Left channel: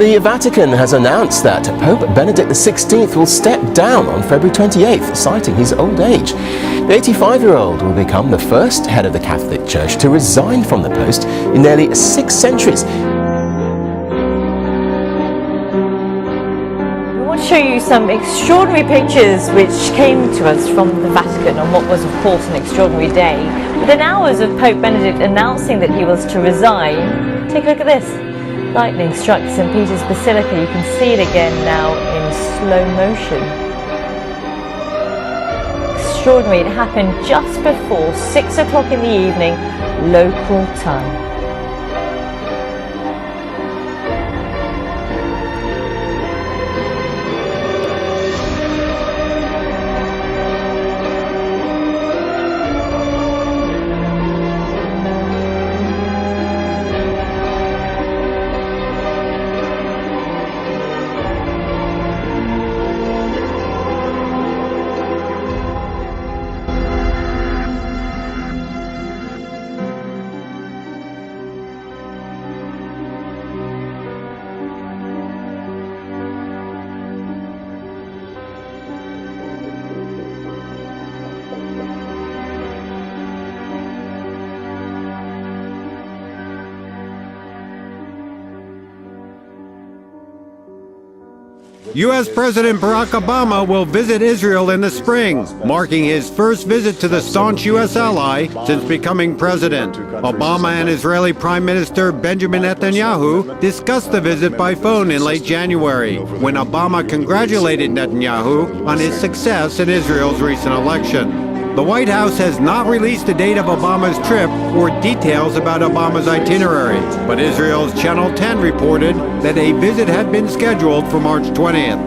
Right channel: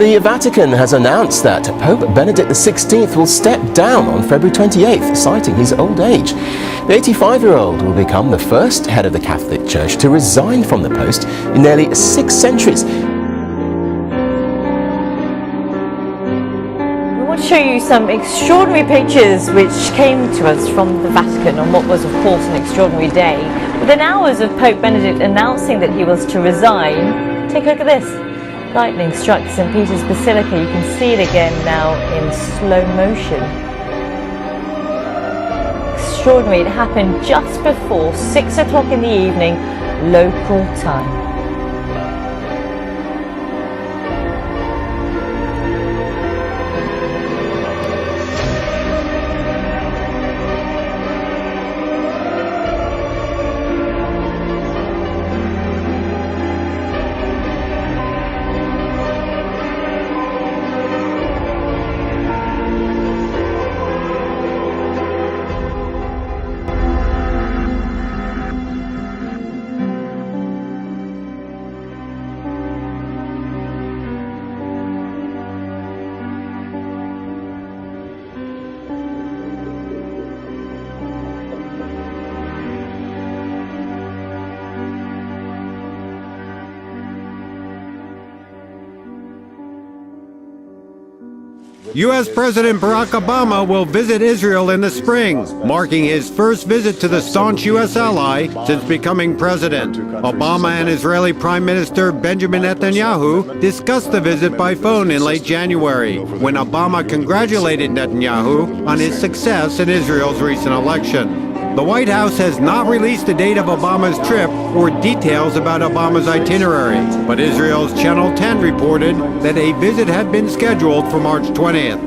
The Vatican has announced that Pope Benedict XVI will step down on February 28th, citing his old age. The 85-year-old will become the first head of the Catholic Church to resign from the post in nearly 6 centuries. We want to show you some extraordinary pictures which came to us from the Vatican on what was, of course, an extraordinary day. Within hours of Pope Benedict announcing that he was to resign, take a look at this. Lightning struck St. Peter's Basilica. You can see it again now in slow motion. Extraordinary. It happened just before 6 o'clock in the evening, local time. U.S. President Barack Obama will visit Israel in the spring, marking his first visit to the staunch U.S. ally since becoming president. Obama and Israeli Prime Minister Benjamin Netanyahu discussed the visit by phone in late January, when Obama congratulated Netanyahu on his success in Israel's recent election. The White House has not released the date of Obama's trip or details about Obama's itinerary, but Israel's Channel 10 reported that a visit had been scheduled for March 20th.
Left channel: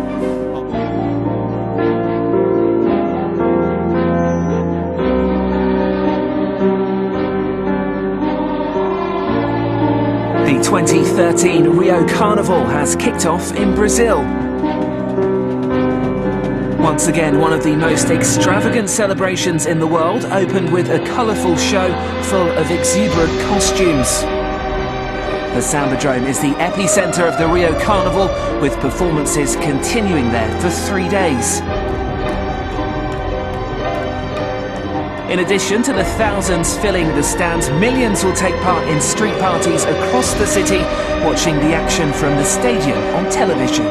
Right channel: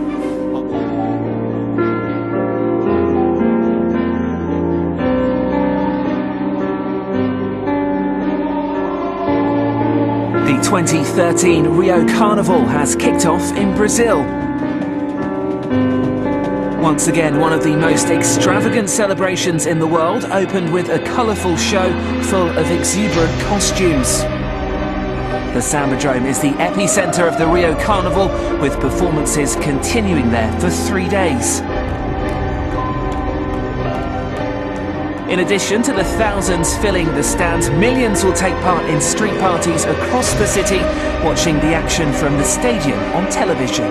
The 2013 Rio Carnival has kicked off in Brazil. Once again, one of the most extravagant celebrations in the world opened with a colourful show full of exuberant costumes. The Sambadrome is the epicentre of the Rio Carnival, with performances continuing there for 3 days. In addition to the thousands filling the stands, millions will take part in street parties across the city, watching the action from the stadium on television.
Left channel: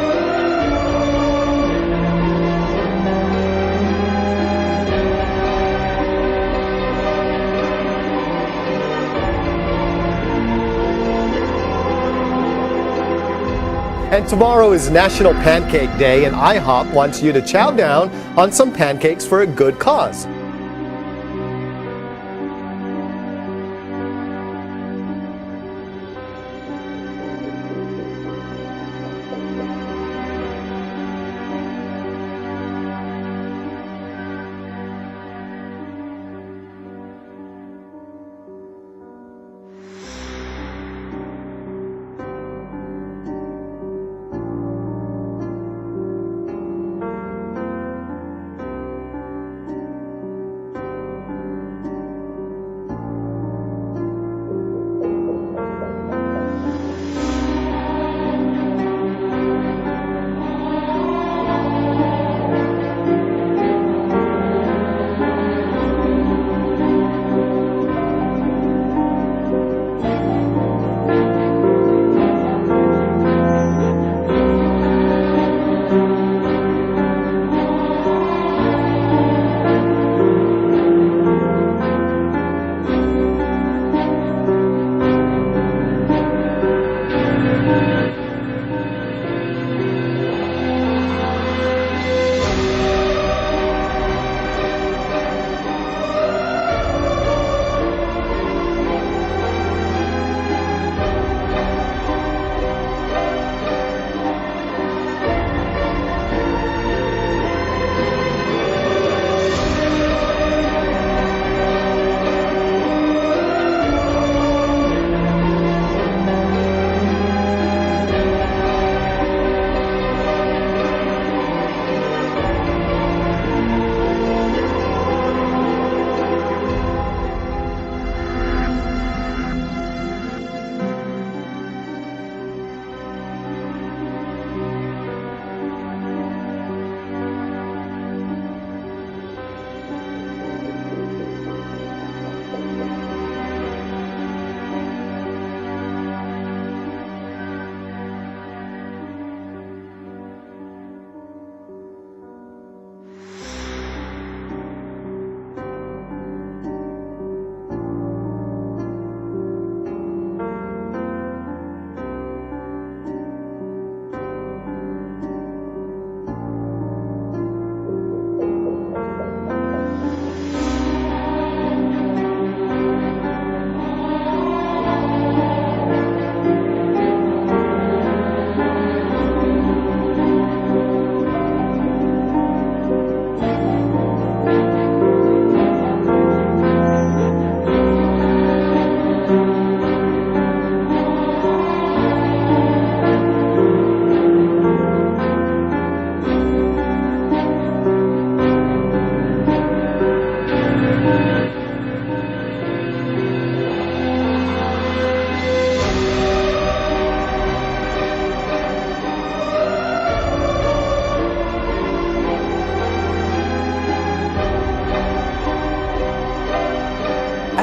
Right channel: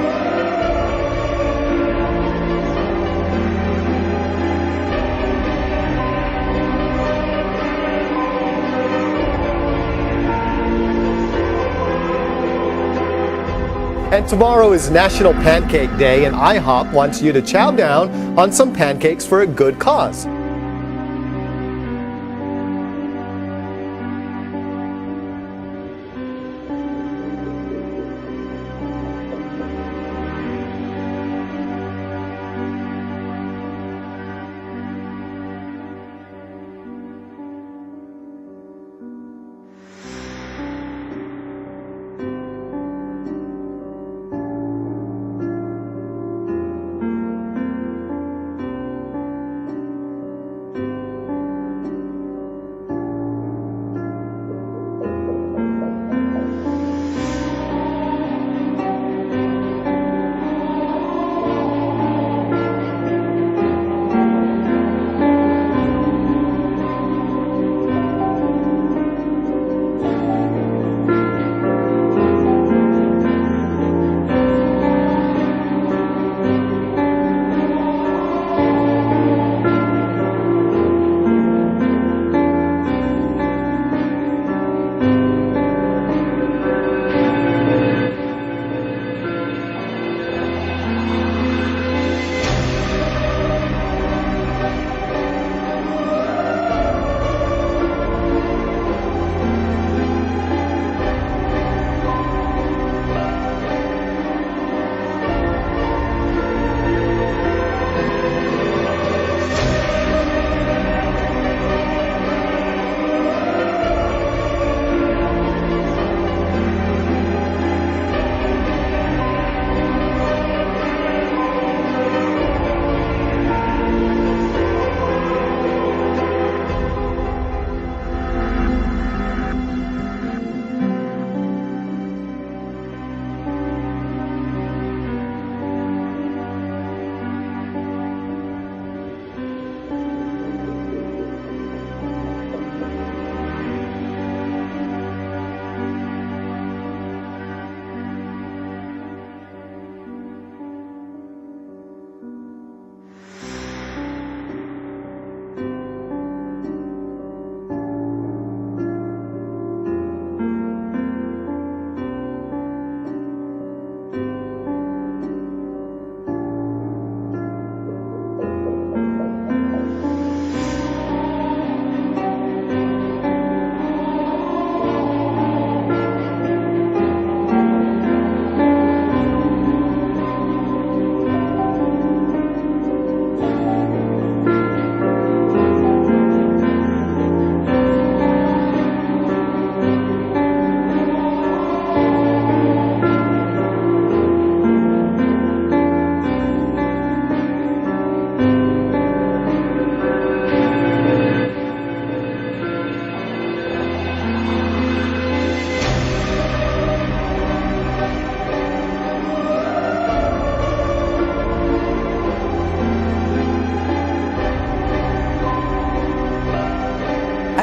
And tomorrow is National Pancake Day, and IHOP wants you to chow down on some pancakes for a good cause.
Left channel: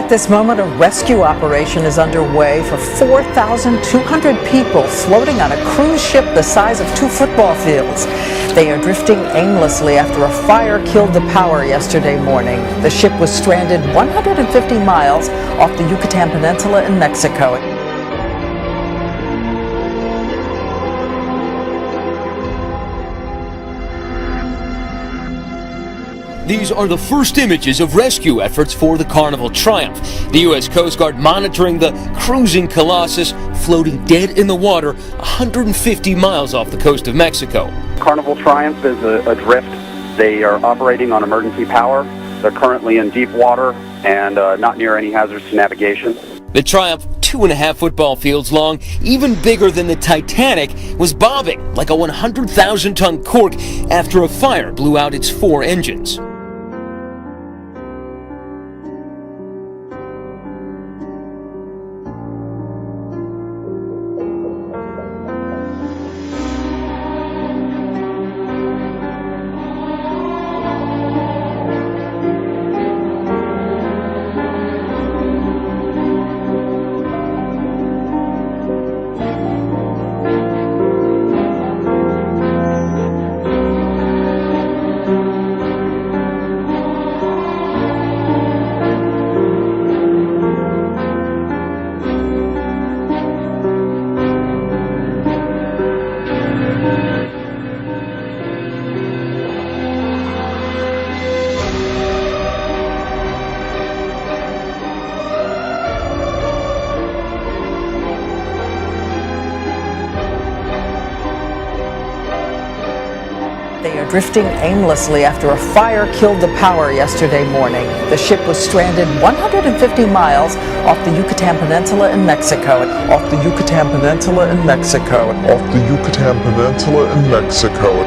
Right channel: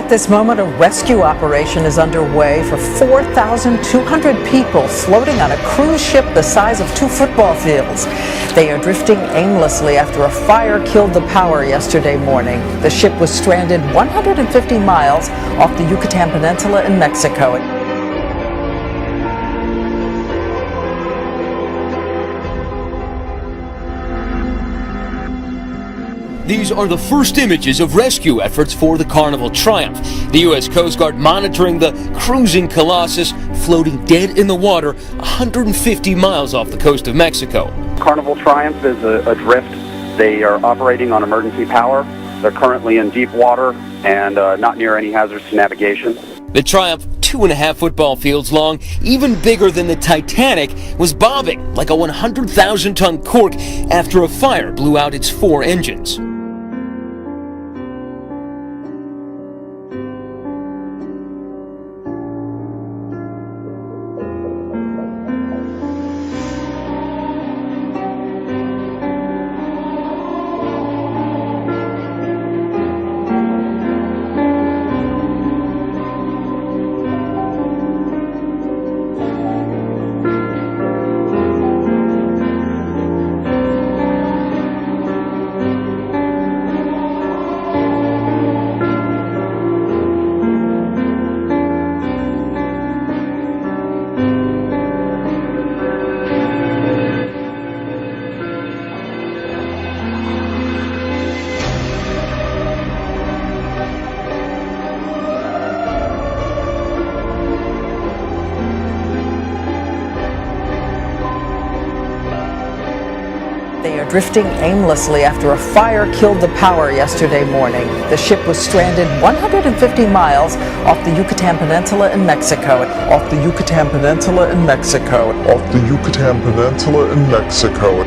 At this moment, a rescue operation is underway for 4,200 people floating on a cruise ship the size of 2 football fields. They are drifting aimlessly after a fire killed the power yesterday morning. The ship was stranded 150 miles off the Yucatan Peninsula in Mexico. These are the first images of rescue efforts for the Carnival Triumph. The U.S. Coast Guard monitoring the cruising Colossus floating dead in the water 150 miles off the coast of Mexico. Carnival Triumph is adrift. They are operating on emergency power. They're currently in deep water and not near any hazards to navigation. The Triumph, 2.5 football fields long, even bigger than the Titanic, was bobbing like a 100,000-ton cork after a fire blew out its 4 engines. They are drifting aimlessly after a fire killed the power yesterday morning. The ship was stranded 150 miles off the Yucatan Peninsula in Mexico. Off the Yucatan Peninsula in Mexico. Off the Yucatan Peninsula in Mexico.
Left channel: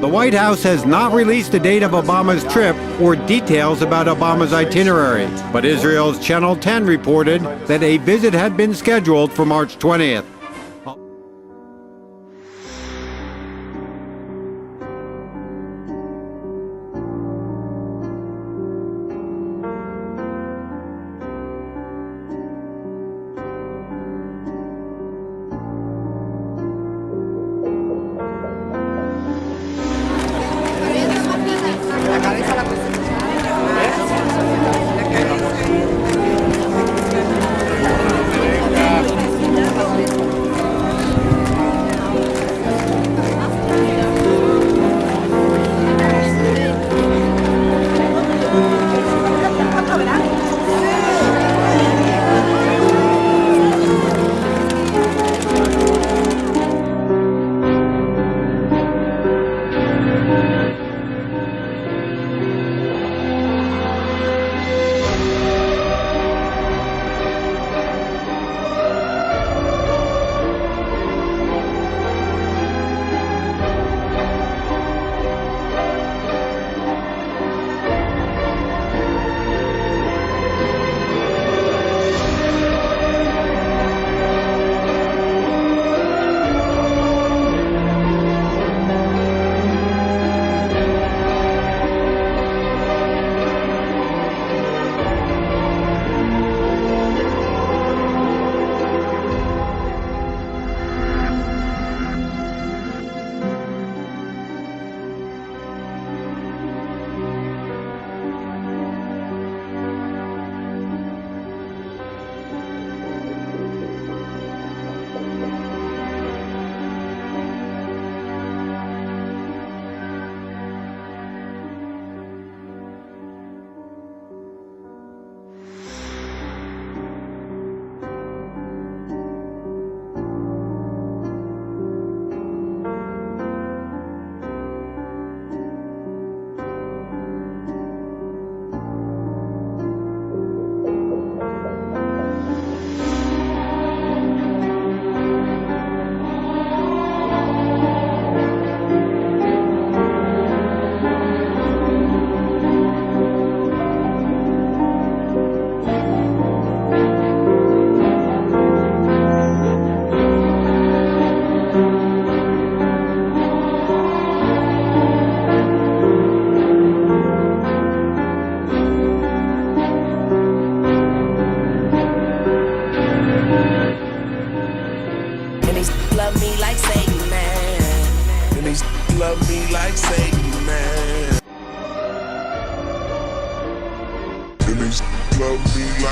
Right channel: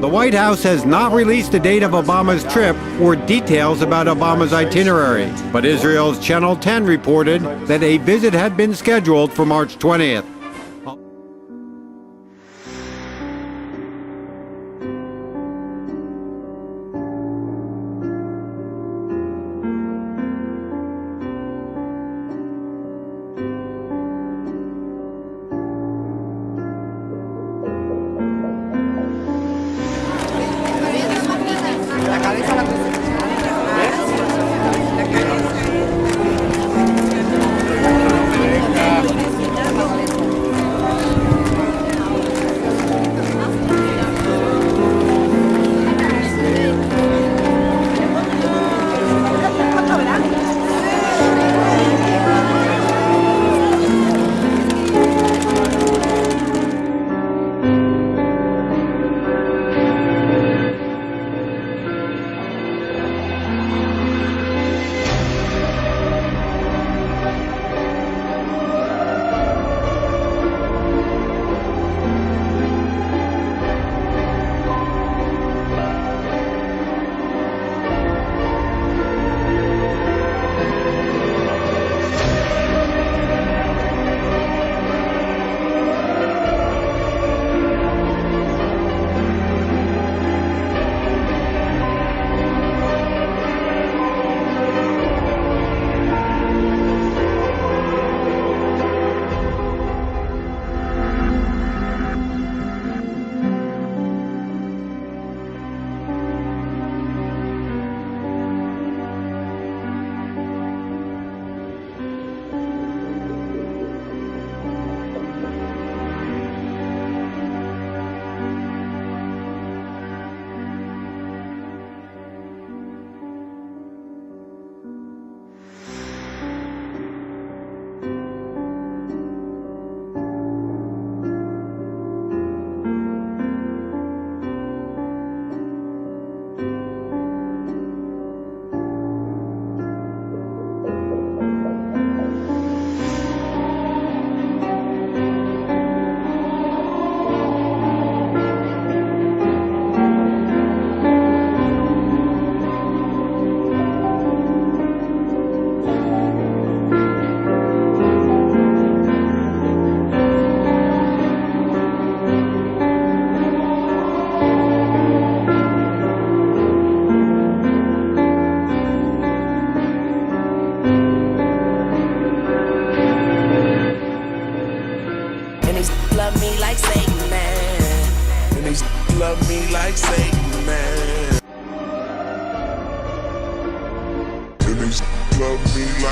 The White House has not released the date of Obama's trip or details about Obama's itinerary, but Israel's Channel 10 reported that a visit had been scheduled for March 20th.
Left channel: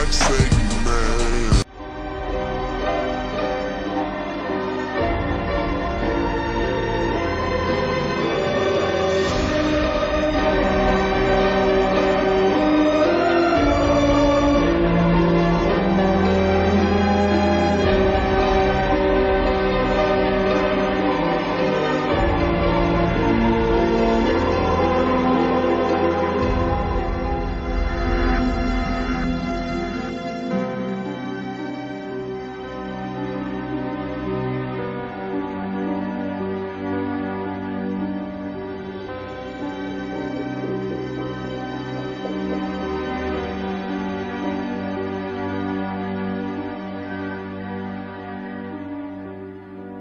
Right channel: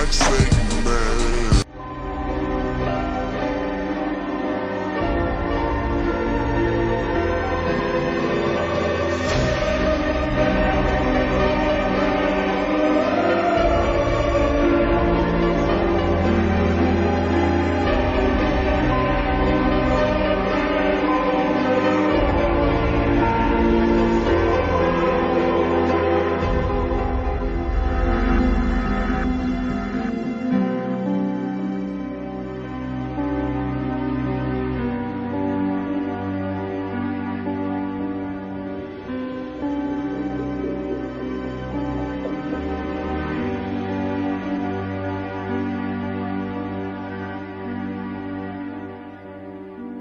like Satan, man.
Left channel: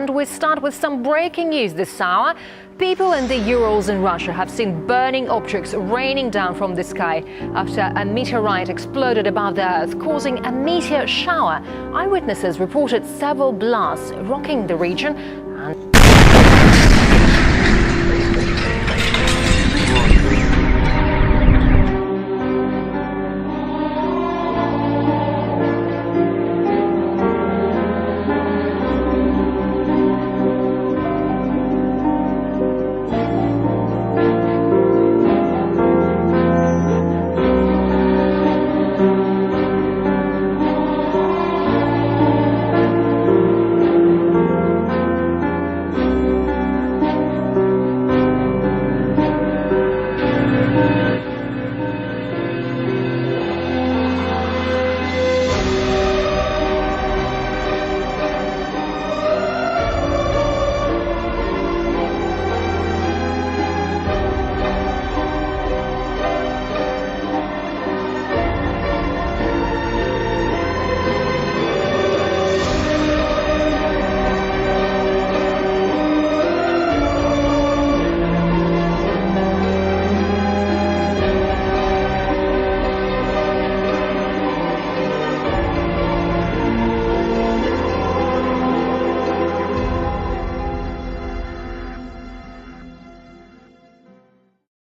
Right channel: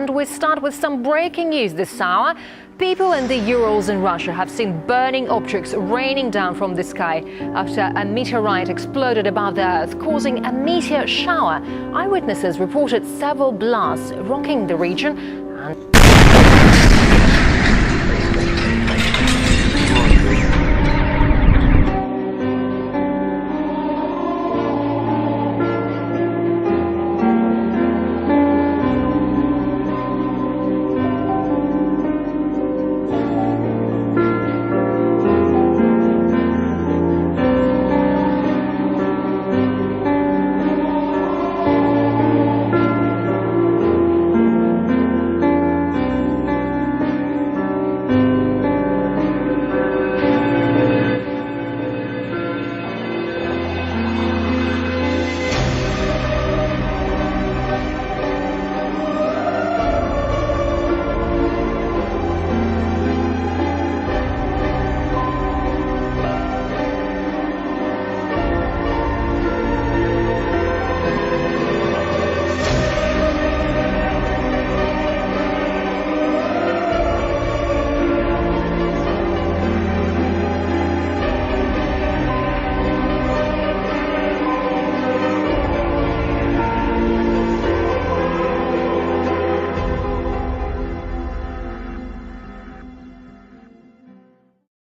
And we start with some breaking news this hour. People in the Urals in Russia have seen burning objects raining down from the sky after a meteorite exploded above the Earth, causing a meteor shower. Eyewitnesses reported several blasts rocking the region.